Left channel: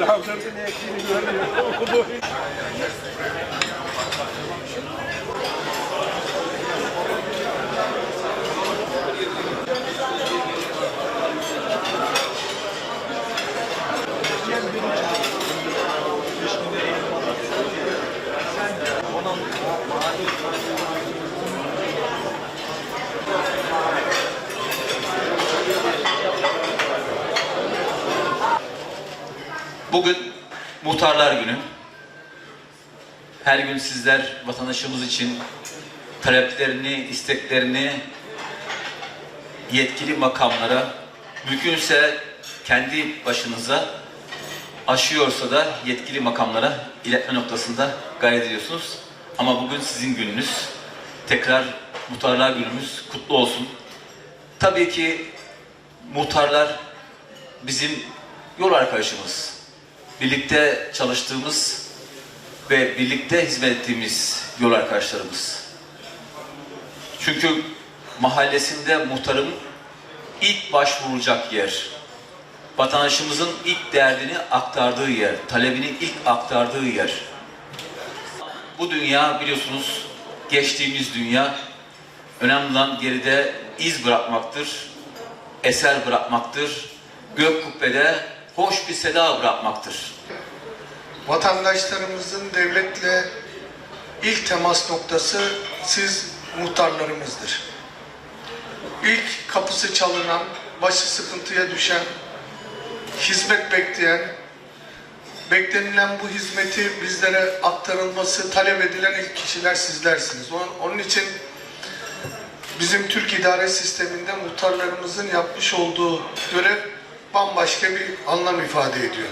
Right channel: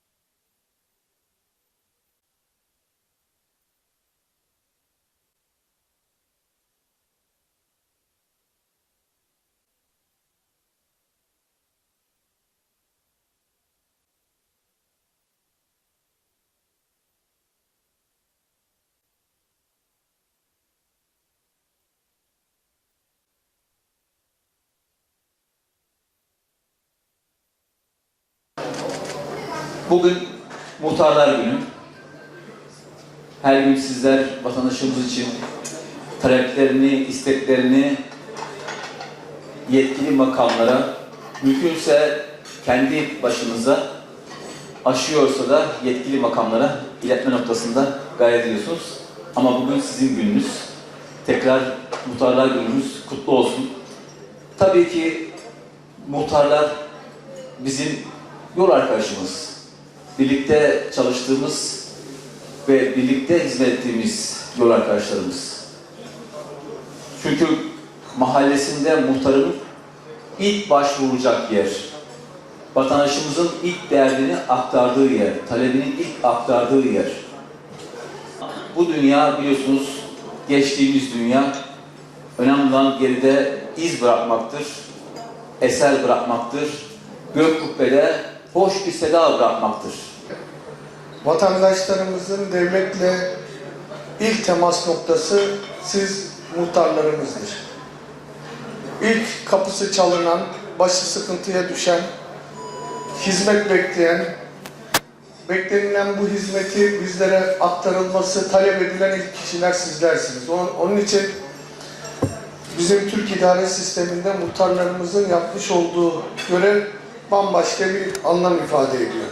Daha önce ne ektiğini görmüyor. Bugün Muhtarlar Günü. Her gün sizler vatandaşımız için taleplerini, isteklerini yetkili makamlara, mümkünse kendi başınıza aşıyorsa da yetkili makamlara iletme noktasında gayret ediyorsunuz. Ama bugün sizin gününüz. Tekrar Muhtarlar Günümüz kutlu olsun. Tabii ki muhtarlar bizim yol arkadaşımız. Birlikte çalıştığımız ve birlikte hizmet ettiğimiz yol arkadaşlarımız. Çünkü mahallesinde muhtarın ilk başvurulacak yer, vatandaşımızın ilk derdini aktardığı yer, talebini ilk aktardığı yer. Bu dünya biliyorsunuz geçtiğimiz dünya önemli olan geride iz bırakmaktır, eser bırakmaktır, gök kubbede hoş bir seda bırakmaktır. Vatandaşlarımızın devletle ilk temas noktası siz muhtarlarımızdır. İlk kapısı çalınan, başı sıkıntıya düşen, hizmet bekleyen, beklenilen bu hizmeti bizlere aktarılması talep edilen ilk kişiler sizlersiniz. Onun, için bizim Türk idare sisteminde muhtarlarımızın yapmış olduğu görev bambaşka bir anlam ifade ediyor.